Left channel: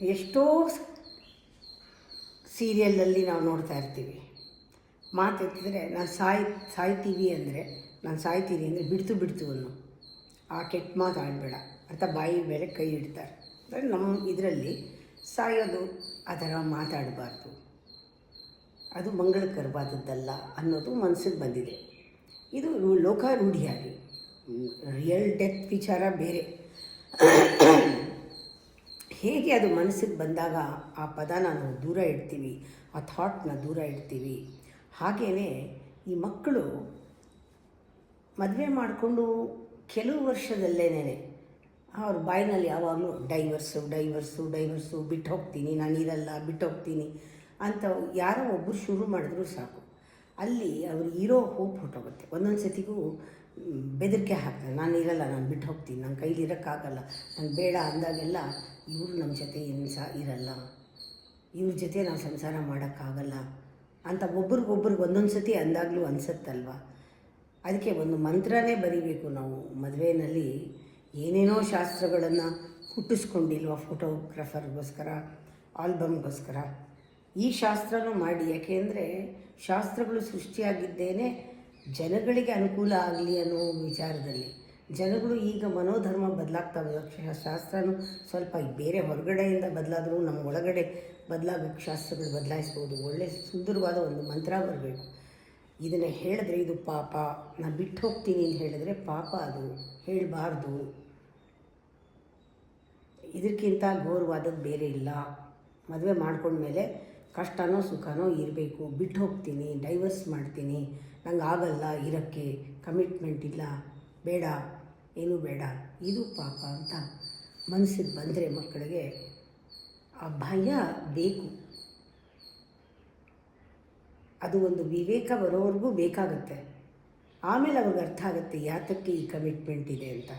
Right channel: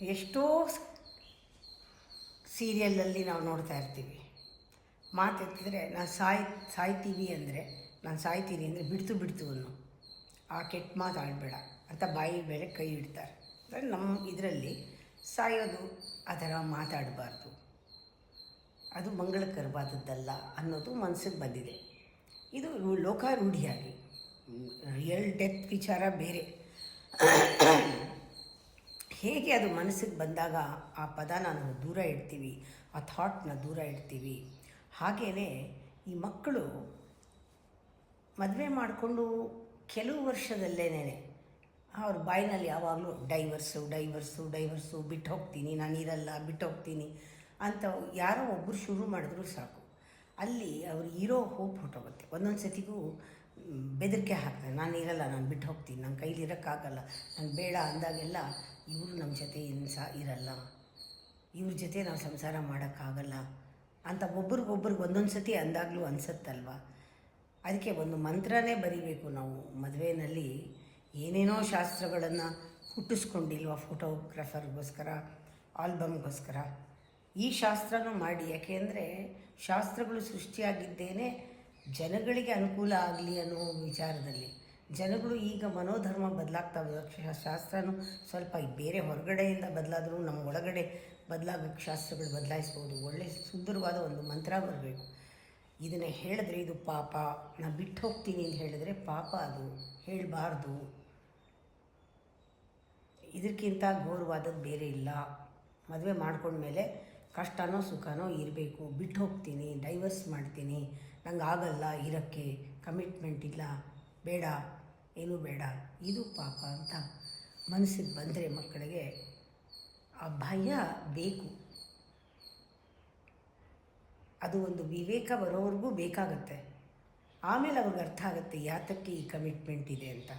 ಎಷ್ಟೋ ಸೀರಿಯಲಲ್ಲಿ ನಾವು ನೋಡ್ತಾ ಇರ್ತೀವಿ, ಮಾತೆತ್ತಿದ್ರೆ ನಾನು ಸಾಯ್ತೀವಿ ಅಂದರೆ, ನಾನು ಸಾಯ್ತೀನಿ ಅಂದರೆ ಬಿಡ್ತು ಅನ್ನೋ, ಆ ಕೆಟ್ಟ ಮಾತು ಆಡಬೇಡ ಅಂತ ಬಾಯಿ ಮೇಲೆ ಕೈ ಇಡ್ತಾರೆ. ಅಂದರೆ ನಮ್ಮ ಇದರಲ್ಲಿ ಸಾಯೋದು ಆ ಥರ ಮಾತಾಡಬಾರ್ದು, ಅದು ಮಂಗಳಕರವಾದದ್ದಲ್ಲ ಅನ್ನೋದು ಮನಸ್ಸಿಗೆ ಬಂದಿದೆ. ಇದು ಲೋಕಾರೂಢಿಯಾಗಿ, ರಿಯಲ್ ಡೆತ್ ವಿಚಾರ ಬೇರೆ. ಹೇಗೆ ಅದು ಮನಸ್ಸಿಗೆ ಬಂದಾಗ ಆ ಪದನ ನಾವು ದೂರ ಇಡ್ತೀವಿ, ಆ ಥಾಟ್ನ ದೂರ ಇಡ್ತೀವಿ. ಹಾಗೆಯೇ ಈ ಮಕ್ಕಳು ಮದುವೆ ಮಾಡಿಕೊಂಡು ಕೆಲವು ವರ್ಷದಲ್ಲೇನೆ ಅವ್ರ ಬಾಯಿನಲ್ಲಿ ಯಾವಾಗಲೂ ಡೈವರ್ಸು ಬಿಟ್ಟು ಹೋಗ್ತೀನಿ, ನಾನು ಇರಲ್ಲ, ಬಿಟ್ಟು ಹೋಗ್ತೀನಿ ಅಂತ ಯಾರೋ ಒಬ್ಬರು ಶುರು ಮಾಡಿದ್ರು ಸಾಕು, ಅಲ್ಲಿ ಅವ್ರು ಇರೋ ಹೋಪ್ ಹೊಟ್ಟೋಗುತ್ತೆ. ಒಂದೊಂದು ಸತಿಗೂ ಬೆದರಿಕೆ ಹಾಕ್ತಾರೆ, ನಾನು ಇರಲ್ಲ, ನಾನು ಬಿಟ್ಟು ಹೋಗ್ತೀನಿ, ನನ್ನ ಕೈಲಿ ಇರೋಕ್ಕಾಗಲ್ಲ, ನಾನು ಬೇಡ ಅಂದಾಗೆಲ್ಲ ಇವರು ನಮ್ಮ ಜೊತೆ ಇರಲ್ಲ, ಇವ್ರ ಜೊತೆ ನಾವು ಸಂಸಾರ ಮಾಡೋಕ್ಕಾಗಲ್ಲ ಅಂತ ಒಬ್ರಿಗೊಬ್ರಿಗೆ ಒಂದೊಂದು ಸತಿ ಅಂದಾಗಲೂ ಅನಿಸುತ್ತಲ್ವ. ಅದಕ್ಕೆ ಒಂದು ಮಂತ್ರನೇ ಬರೀಬೇಕು ನಾವು ಮದುವೆಯಲ್ಲಿ. ಏನೇನೋ ಶಾಸ್ತ್ರಗಳನ್ನು ಹುಟ್ಟಿಸ್ಕೊಂಡಿಲ್ವ, ಫೋಟೋಗ್ರಾಫರ್ಗೋಸ್ಕರ, ಆಲ್ಬಮ್ಗೋಸ್ಕರ ಈ ಶಾಸ್ತ್ರನೂ ಮಾಡಿ. ಯಾಕೆಂದರೆ ಶಾಸ್ತ್ರಗಳು ಸೃಷ್ಟಿಯಾಗಿದ್ದೇನೆ ಜನಗಳಿಗೆ ಅನುಕೂಲ ಆಗಲಿ ಅನ್ನೋ ವಿಚಾರದಲ್ಲಿ. ಜನಗಳು ಈಗ ಮನೋಧರ್ಮ ಬದಲಾಗ್ತಾ ಶಾಸ್ತ್ರನೂ ಸ್ವಲ್ಪ ಬೇರೆ ಹೊರಗಡೆಯಿಂದ ಬದಲಾದರೂ ನಮ್ಮ ಒಳಗಡೆ ಬದಲಾಗೋಕ್ಕೆ ಶಾಸ್ತ್ರಗಳು ಬದಲಾಯಿಸ್ಬೋದು. ಒಳ್ಳೆಯ ಸುಂದರವಾದ ಒಂದು ಮಂತ್ರ ಬರಬೇಕು. ಇದನ್ನು ಹೇಳಿದ್ರೆ ಇದು ಪಾಪ, ನಾನು ಬಿಟ್ಟು ಹೋಗ್ತೀನಿ ಅಂತ ಹೇಳಿದ್ರೆ ಪಾಪ, ಅದು ಹೇಳಬಾರ್ದು. ಇದಕ್ಕಿಂತ ಘೋರವಾದದ್ದು ಬೇರೆ ಇಲ್ಲ. ಮದುವೆ ಮಾಡ್ಕೊಂಡ್ಮೇಲೆ ಕಷ್ಟನೋ ಸುಖನೋ ಇರಬೇಕು. ಬಿಟ್ಟು ಹೋಗ್ತೀನಿ, ಡೈವರ್ಸ್ ಮಾಡ್ತೀನಿ, ನಂಗೆ ಆಗಲ್ಲ ಇರೋಕ್ಕೆ, ಕಮಿಟ್ಮೆಂಟ್ ಇಲ್ಲ, ಬೇಡ, ಏನೂ ಬೇಡ, ಇದು ಪಾಪ ಅಂತ ಮನಸ್ಸಿಗೆ ಬಂದರೆ ಮಕ್ಕಳಿಗೆ ಆ ಭಯ ಬೇಕು. ಅದು ಒಂದು ವಿವೇಕ ಬರೋವರೆಗೂ ಬೇಕಾಗುತ್ತೆ. ಆಮೇಲೆ ಅವ್ರಿಗೆ ಅರ್ಥ ಆಗುತ್ತೆ ಯಾತಕ್ಕೆ ಈ ಕಮಿಟ್ಮೆಂಟ್ ಇದೆ ಅಂತ.